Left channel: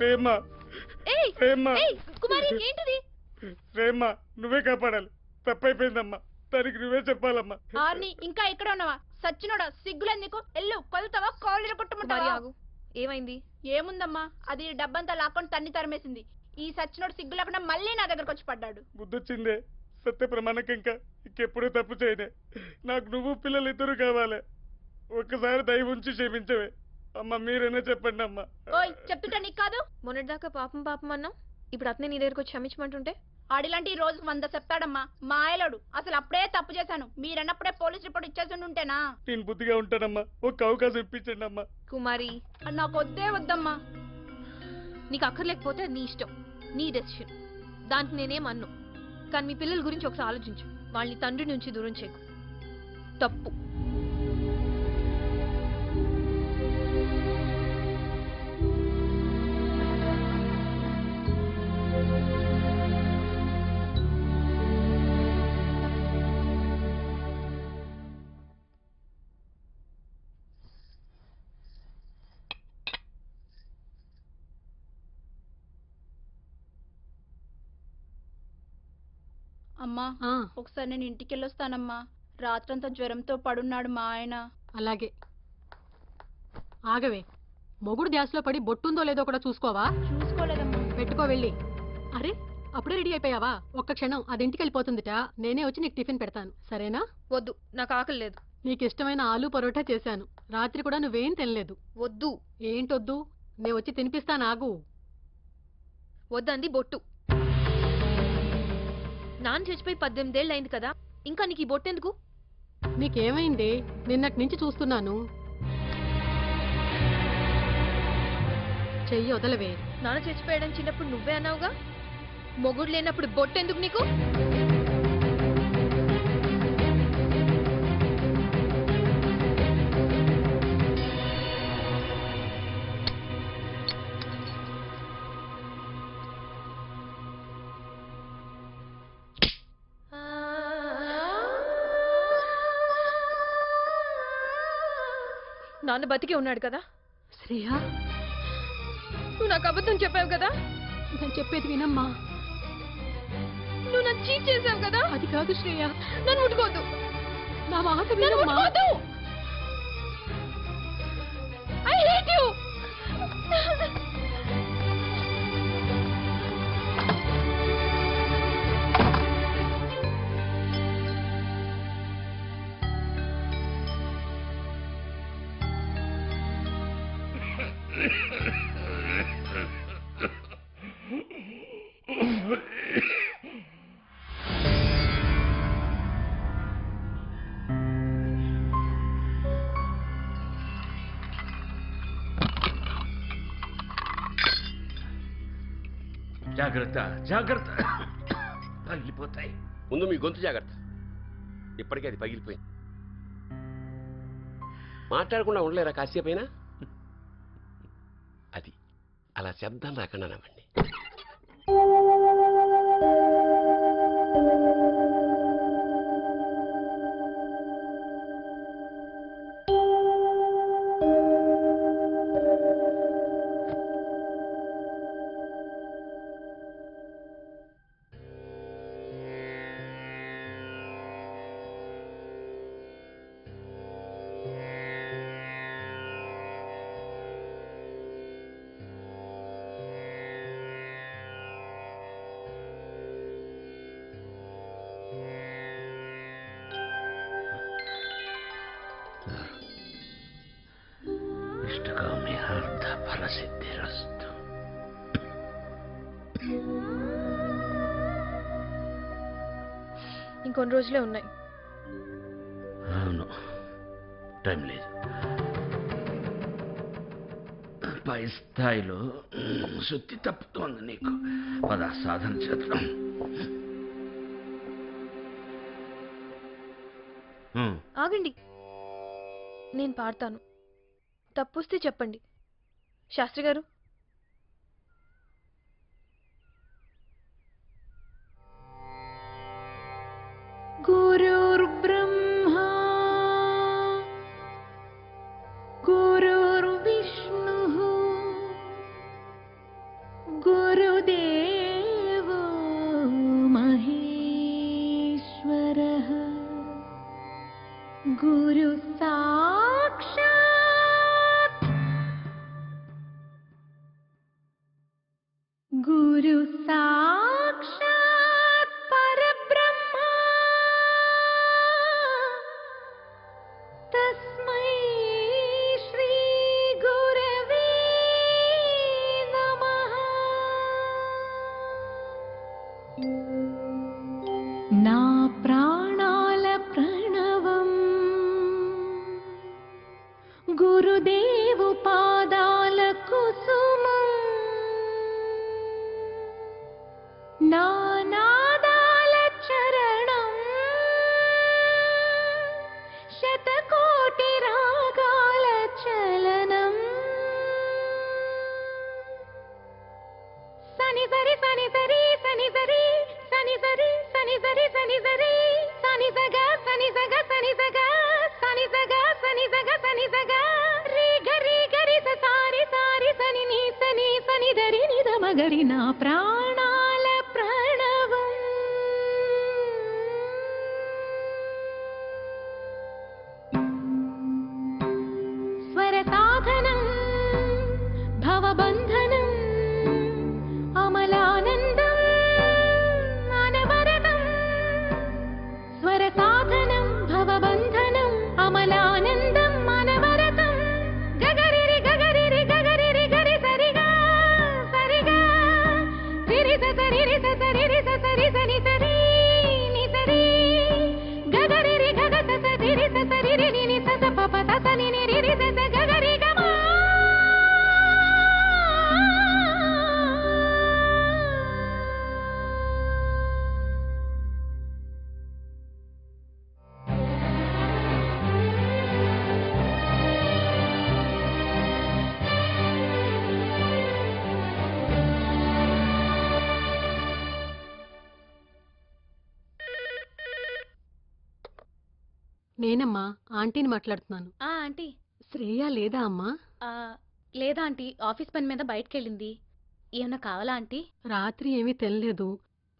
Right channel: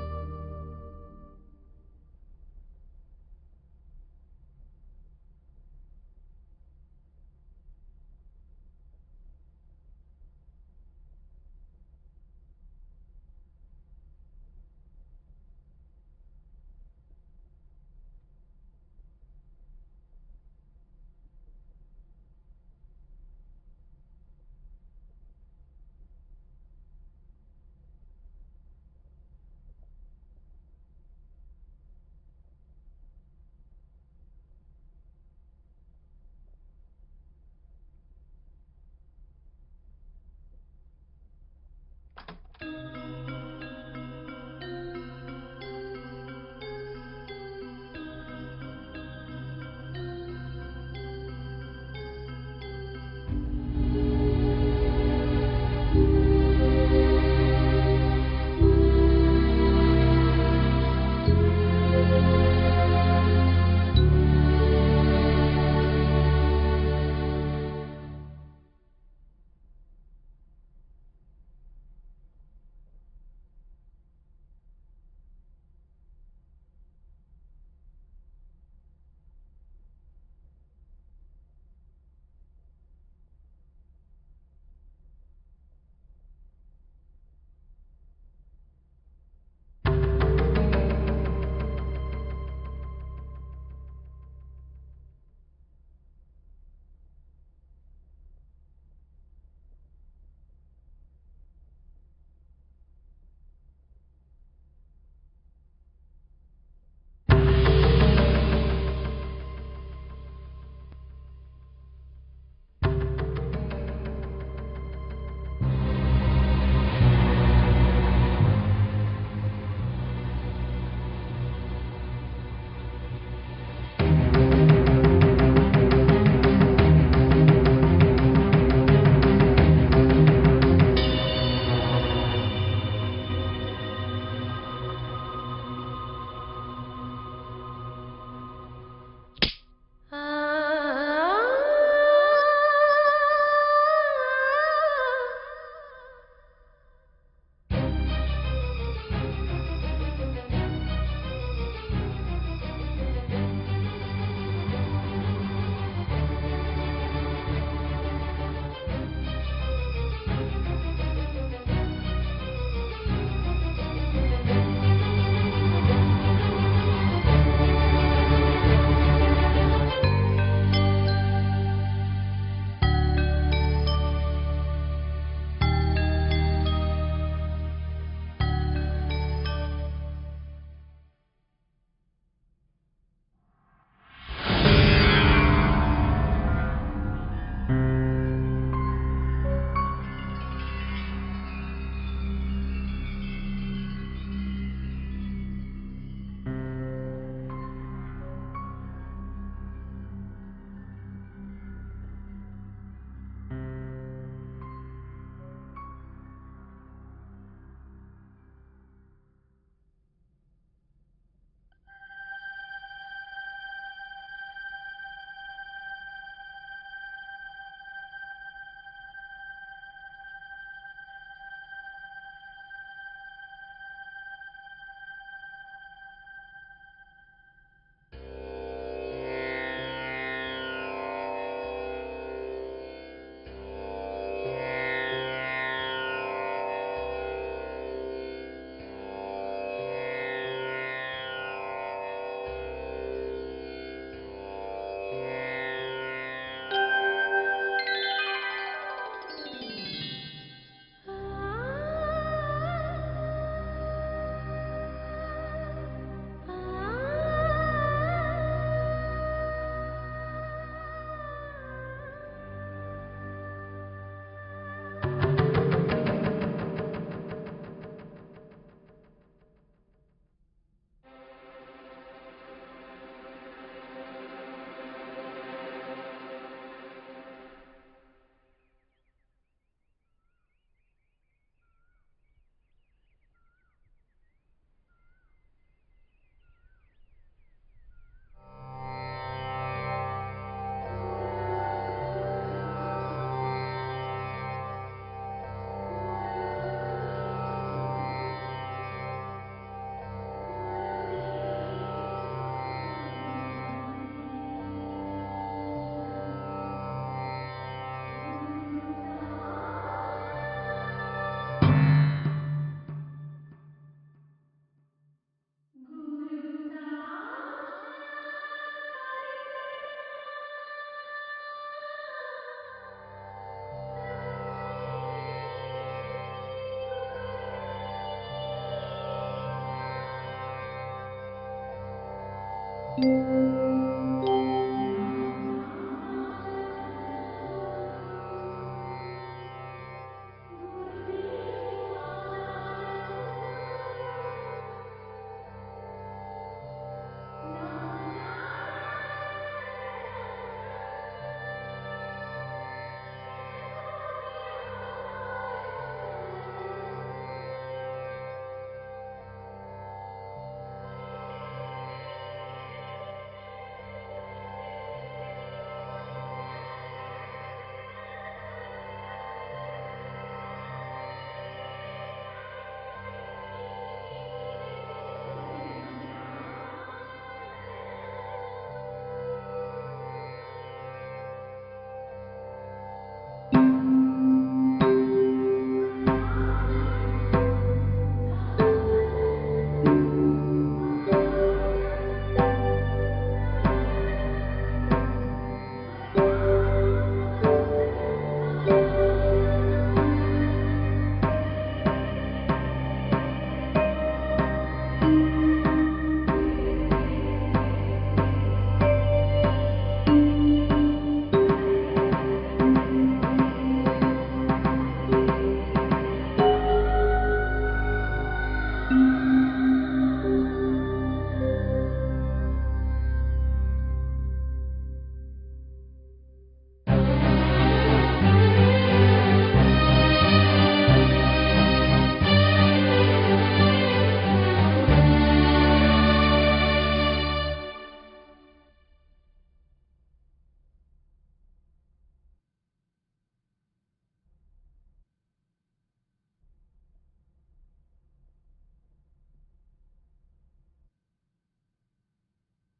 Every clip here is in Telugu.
ప్రేమ ఏయ్ ప్రేమ ఏయ్ కుమారి ఏంటిది? ప్రేమ నువ్వే కాపాడాలి. తప్పైపోయిందమ్మా, దానికి నువ్వే చెప్పాలమ్మా. ఆర్ని ఇంకా ఎక్కడ ఉన్నావా? సచ్చినోడా సిగ్గులేదు నీకు? ఎల్లు కొలుతావా కాలేజీలో కొట్టుకుంటావా? ఏమైంది? ఏముందమ్మా, అది డబ్బంతా లాక్కొని తన్ని తరిమేసింది. ఈ సచ్చినోడు సిగ్గు లేకుండా మళ్ళీ నా దగ్గరకు వచ్చి పడ్డాడు. బుద్ధొచ్చిందే, సత్య ప్రమాణకి ఇంకా ఇంకెప్పుడూ తప్పు చేయనే. నాకు నువ్వు పిల్లలు ఇద్దరు కావాలి. ఒక్కసారి దయ ఉంచి క్షమించవే అమ్మ. మీరైనా చెప్పండి అమ్మా. ఓయ్ చెప్తుంటా నీకు కాదు? మొన్నటిదాకా పాపం పాపం అన్నావు, ఇప్పుడు అతనే నీ దగ్గరకు వచ్చి క్షమించమంటుంటే? ఆడిలాంటి రోజు 100 చెప్తాడమ్మా మా ఆయలోడు. అసలు అప్పుడే తప్పు చేశాను, మీరన్నప్పుడే పోలీస్ రిపోర్ట్ ఇచ్చేసి ఉంటేనా? నేను బుద్ధిగా ఉంటానమ్మా, ఒక్క అవకాశం ఇప్పించండి అమ్మా. కుమారి నాకు వద్దే వద్దమ్మా. నీకు అక్కర్లేకపోతే నీ ఇష్టం, నీ డెసిషన్, దానికి నేనేమన్ను. కానీ మీ పిల్లల గురించి ఒకసారి ఆలోచించు. వాళ్ళని తండ్రి నుంచి దూరం చేయకు, తప్పు. అమ్మా ఒకసారి నేను ఇంటికి వెళ్ళొస్తానమ్మా. రాత్రంతా జ్వరంతో పడున్నాడు మా ఆయన. అలాగే ఆగవే, మొగుడు ధ్యాసలో పడి బొట్టుందో లేదో కూడా చూసుకోవా? పెట్టుకో వెళ్ళి. అరే అప్పుడే రెడీ అయిపోయావా? ఒక్క క్షణం, అది ఇంటికి వెళ్ళిపోతుందిట. నేనే వచ్చి నీకు టిఫిన్ పెడతాను, సరేనా? వద్దు, నాకు ఆకలి లేదు. నీకు ఇష్టమైన ఆలూ పరోటా చేశాను. రాత్రి కూడా నువ్వేం తినలేదు. వద్దు. ఏంటొద్దు? నేను వచ్చి తినిపిస్తాను, ఆగు. వద్దంది బొట్టు. నాన్న చచ్చిపోయి 18 ఏళ్ళు అయింది కదా, ఇంకా నీకు ఈ బొట్టెందుకు? నీకేమైంది? నిన్నటి నుంచి చూస్తున్నాను. చెయ్యి వదలవే. నాన్న చచ్చిపోయాడని చిన్నప్పుడు నువ్వే అన్నావుగా. మొగుడు లేనప్పుడు బొట్టెందుకు నీకు? నాన్న బతికి ఉన్నాడు కదా. శ్రేయా, నువ్వు నాకు అబద్ధం చెప్పావు కదా. నేను చెప్పేది వినమ్మా. నువ్వు నన్ను చీట్ చేసావు కదా. అది కాదు శ్రేయా, నన్ను ముట్టుకోవద్దు. నా మాట నన్ను వినమ్మా. ముట్టుకోవద్దు. I hate you. జాగ్రత్త జాగ్రత్త, పగిలిపోతాయి. ముందు మీ గొంతు జాగ్రత్త. ఇప్పటికే అది పగిలిపోయింది. మాట్లాడకుండా ఉండలేరా కాసేపైనా? అది అలా శబ్దం రాకుండా నవ్వండి. ఇంకొన్ని రోజులే ఉన్నాయి. అవును, టైం లేదు. పై స్థాయిలో శుద్ధి తప్పుతోంది నీకు. పద సాధన చేద్దాం. ఆగండి, నేను పాడతాను. తప్పొస్తే చెప్పండి. శాస్త్రి గారు, గురుర్బ్రహ్మా గురుర్విష్ణుః గురు సాక్షాత్ పరబ్రహ్మ తస్మై శ్రీ గురవే నమః. నా ప్రాణాల ప్రణవం గురుదేవు పాదాల కుసుమం. నా నాదాల చరణం శతకోటి రాగాల చలనం. సని సరి సని సరి సని సరి సని సరి సని సరి సని సరి సని సగ సని సగ సని సగ సని సగ సని సగ సని సగ రి గరి గరి సారి సారి సని ని సని సని దరి ని ద మగరి. నా ప్రాణాల ప్రణవం స్వర సాధనం భవబంధనం అమలానందం అనవరతం. స్వర సాధనం భవబంధనం అమలానందం అనవరతం. గగరిరి గగరిరి గగరిరి గరి సరిగా సరిగా సిరిస సరిరి సరిరి సరి సని సరి ని సరి గగరిరి గగస సరిరి సరిరి ని స పప స ని ని రి స గగరి గమ. నేనమ్మా ఆంటీని మాట్లాడుతున్నాను. ఆంటీ శ్రేయ లేదా అమ్మా? లేదా ఆంటీ, ఆఫీస్ పని మీద బయటకెళ్ళింది. ఏమన్నా కావాలా ఆంటీ? రాత్రి ఏమీ తినలేదు,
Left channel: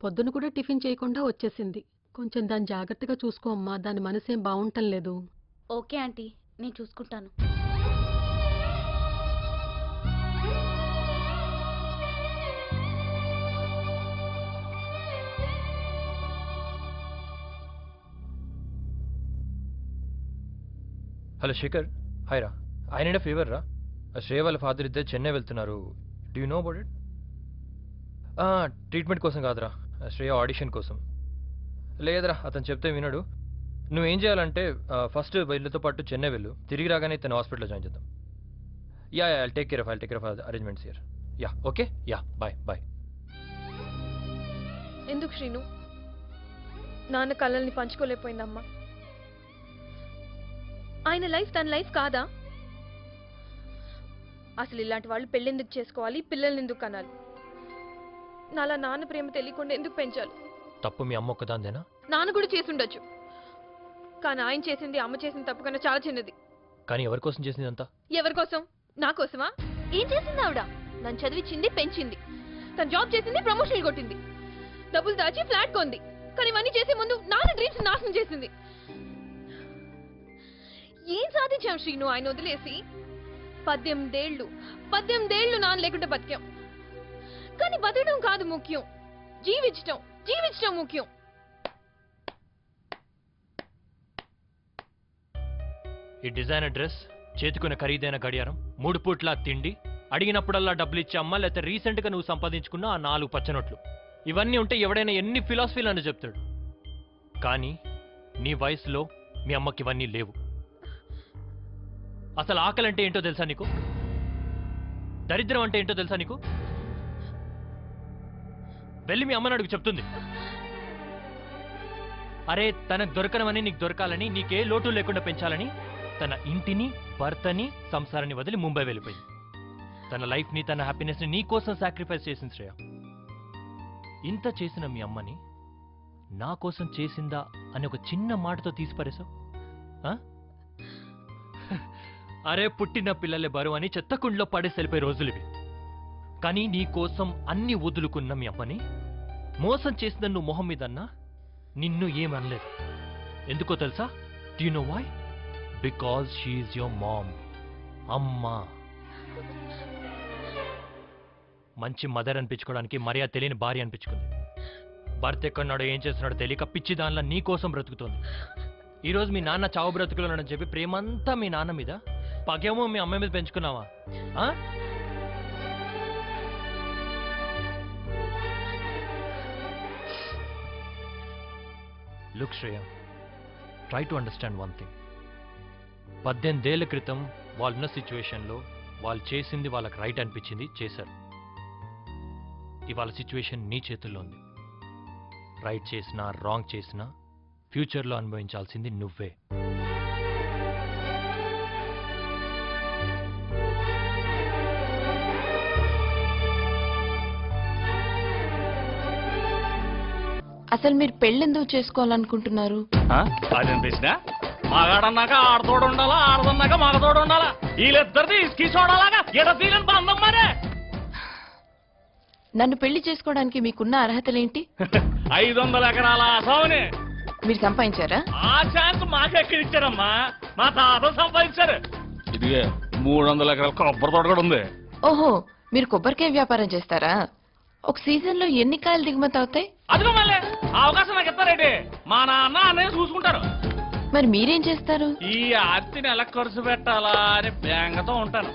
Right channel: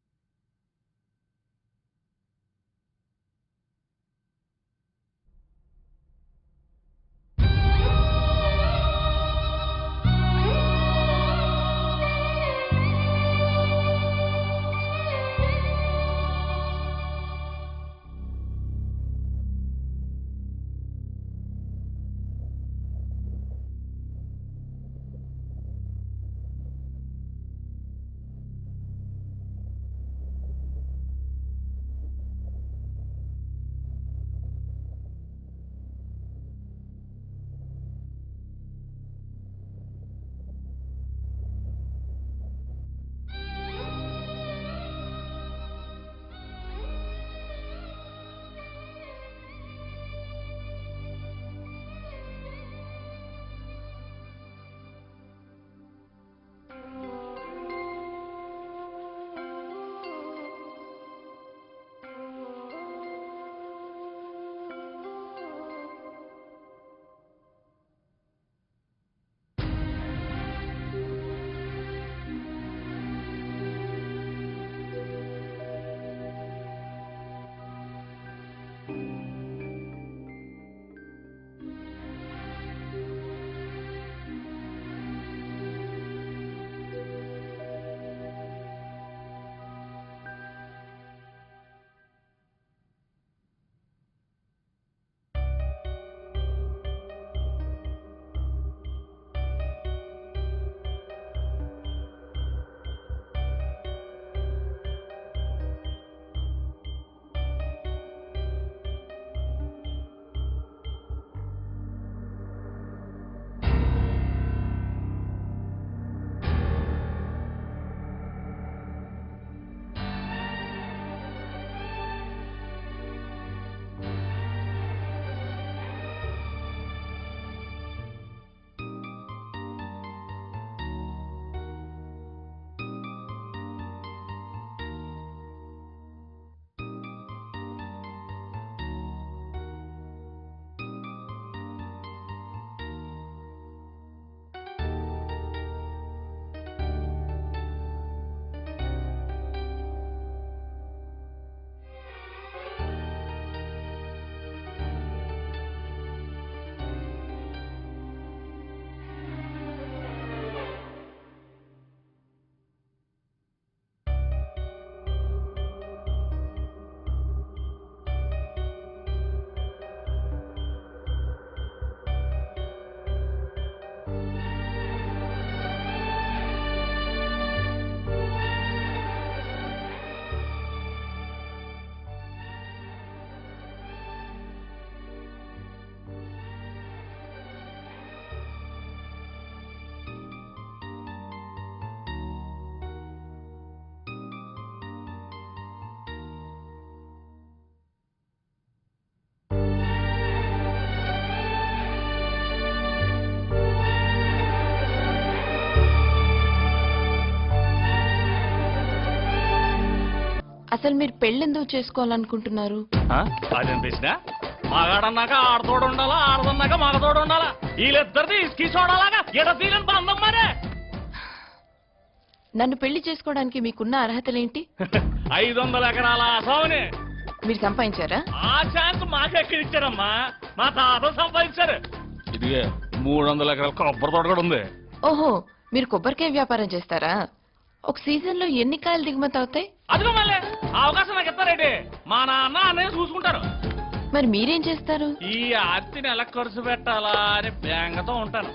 పొద్దున కూడా టిఫిన్ చేయకుండా వచ్చేసింది. కొంచెం దాన్ని జాగ్రత్తగా చూసుకో అమ్మా, దాని మనసేం బాగుంటం లేదు. ఓకే ఆంటీ, నేను చూసుకుంటాను. హలో శేఖర్, హాయ్ రా. ఐ నీడ్ ఫీవర్ రా. శ్రేయ వాళ్ళ ఫాదర్ ఇద్దరు చెన్నై వెళ్తున్నారు. Do you know about it? Treatment కోసం కాదురా, శ్రేయ ఆడిషన్ కోసం. లేదురా, అతను చెప్తే వినడు. నువ్వేం చేయాలంటే ఫస్ట్ వీళ్ళతో పాటు చెన్నై వెళ్ళు, తిరిగి రాగానే తన హాస్పిటల్లో జాయిన్ చేద్దాం. Yeah I take care of arrangements here. Yeah okay, yeah bye bye. ఎందుకు శ్రీను? నాన్న కళ్ళల్ని పంచుకోలేకపోయిందమ్మా. ఆయన లైఫ్ తన లైఫ్ కాదా? అసలు ఇలాంటి వాళ్ళు పెళ్ళెందుకు చేసుకోవాలి, పిల్లల్ని ఎందుకు కనాలి? నాలా నాన్న ప్రేమ తెలియకుండా ఎందుకు పెంచాలి? తప్పు మీ అమ్మ ఒక్కదాందేనా? నాన్న కూడా చేసి ఉండొచ్చు, కానీ ఆయన చేసింది అమ్మ చేసిన తప్పు కన్నా చాలా చిన్నది. కానీ ఎవరి కోసం చేసింది అంతా? ఎవరి కోసం? నా కోసమా? ఏం చేసింది ఆవిడ? తను చదివించింది, పెంచింది, తను జాబ్ చేసింది, ప్రమోషన్ కొట్టింది, డబ్బులు దాచి ఫ్లాట్ కొంది. కానీ ఇవన్నీ చేసే ముందు నాన్న డ్రీమ్స్ నాశనం చేసింది. ఏం సాధించాం శ్రీను ఆయన వదిలేసి? 18 ఏళ్ళు నాన్న లేకుండా బతికాం. కానీ బతకడం కాదు ముఖ్యం, జీవించడం ముఖ్యం. ఈ డిజైనర్ డ్రెస్, చేతుకున్న ఖరీదైన గడియారం, 3 పూట్ల తిండి, అడిగినప్పుడల్లా డబ్బులు ఇచ్చే అమ్మ, లేకపోతే రీసెంట్గా నువ్వు సంపాదించుకున్న ఆ 4 పచ్చనోట్లు, ఇవన్నీ ఉంటే ఎవడైనా ఎన్ని ఫిలాసఫీలు అని చెప్తాడు. కానీ నీ వయసులో మీ అమ్మకి ఇవన్నీ లేవు. అసలు ఆకలి అంటే ఏంటో తెలుసా నీకు? దరిద్రం అంటే ఏంటో తెలుసా నీకు? వెళ్ళి మీ అమ్మని అడుగు, చెప్తుంది. అరే తనకు దొరకనమని నీకు దొరకాలని, నీకే లోటు లేకుండా పెంచాలని తన ఇంటిని, భర్తని, సంసారాన్ని వదిలి ముంబై వెళ్ళిపోయింది. తన లైఫ్ని, తన హ్యాపీనెస్ని నీ కోసం సాక్రిఫైస్ చేసింది శ్రేయ. ఇంత చేసిన మీ అమ్మని నా కోసం చేసిందా అని ఒక చిన్న మాటతో తీసిపారేశావు. అరే పుట్టిన పిల్లలే బరువు అని చెత్తకుండలో పడేసి వెళ్ళిపోయే రోజులు ఇవి. కానీ నీ కోసం అన్ని వదులుకున్న మీ అమ్మని మోసం చేసిన నువ్వు మొహం మీద అన్నా నిన్ను ఏమనలేదు. ఎందుకో తెలుసా? Do you know why? Because she is your mom. అమ్మా. మంచి మదర్ అనిపించుకోవడానికి మర్యాద తెలియని భార్య అనిపించుకో. భర్త ఎక్కడున్నాడో ఏం చేస్తున్నాడో తెలియక పిచ్చి దానిలో నీ కోసం బ్రతుకుతుంది. ఈరోజు మీ నాన్న చావు బ్రతుకులోనని చెప్పి ప్రేమంతా మీ నాన్న మీద, పగేమో మీ అమ్మ మీద పెంచుకున్నావా? Look Shreya, try to understand one thing. 18 ఏళ్ల క్రితం వాళ్ళున్న సిచ్యువేషన్లో వాళ్ళు చేసింది వాళ్ళకి రైట్ అనిపించింది, చేశారు. ఇవాళ సిచ్యువేషన్ నీ చేతుల్లో ఉంది. రైట్ చేసినా రాంగ్ చేసినా ఫ్యూచర్లో అనుభవించాల్సింది నువ్వే. అసలు మీరు పెళ్ళెందుకు చేసుకోవాలనుకుంటున్నారు? అదేం ప్రశ్న? మగాడన్నాక ఆడతోడు ఉండాలా, ఆడదన్నాక మగతోడు ఉండాలా? వీళ్ళిద్దరిది ఇసుకి చూడాలాగా ఎడతీలని బంధం మరే. నన్ను పెళ్లి చేసుకోవడానికి మీకున్న అర్హతలేంటి? 500 ఎకరాల ఆసావుని మీరు సంపాదించారా? ఆ ఛాన్స్ మాకెక్కడిచ్చారమ్మా, మా తాత సంపాదించారు. ఇదిగే 300 ఎకరాల కొబ్బరి తోట కూడా ఉంది. ఓహో, మీరు కొబ్బరికాయ వ్యాపారం చేస్తారా? ఒక సీజన్ లో ఎన్ని కాయలు దిగుమతి అవుతాయి? అదిగో మళ్ళీ అవకాశం నాకు ఇస్తారేంటి? మా నాన్న అన్నయ్య చూసుకుంటారు. మరి మీరేం చేస్తారు? ఈ ఆర్తిని ఎలా ఖర్చు పెట్టాలా అని బెంగతో ఉంటాను.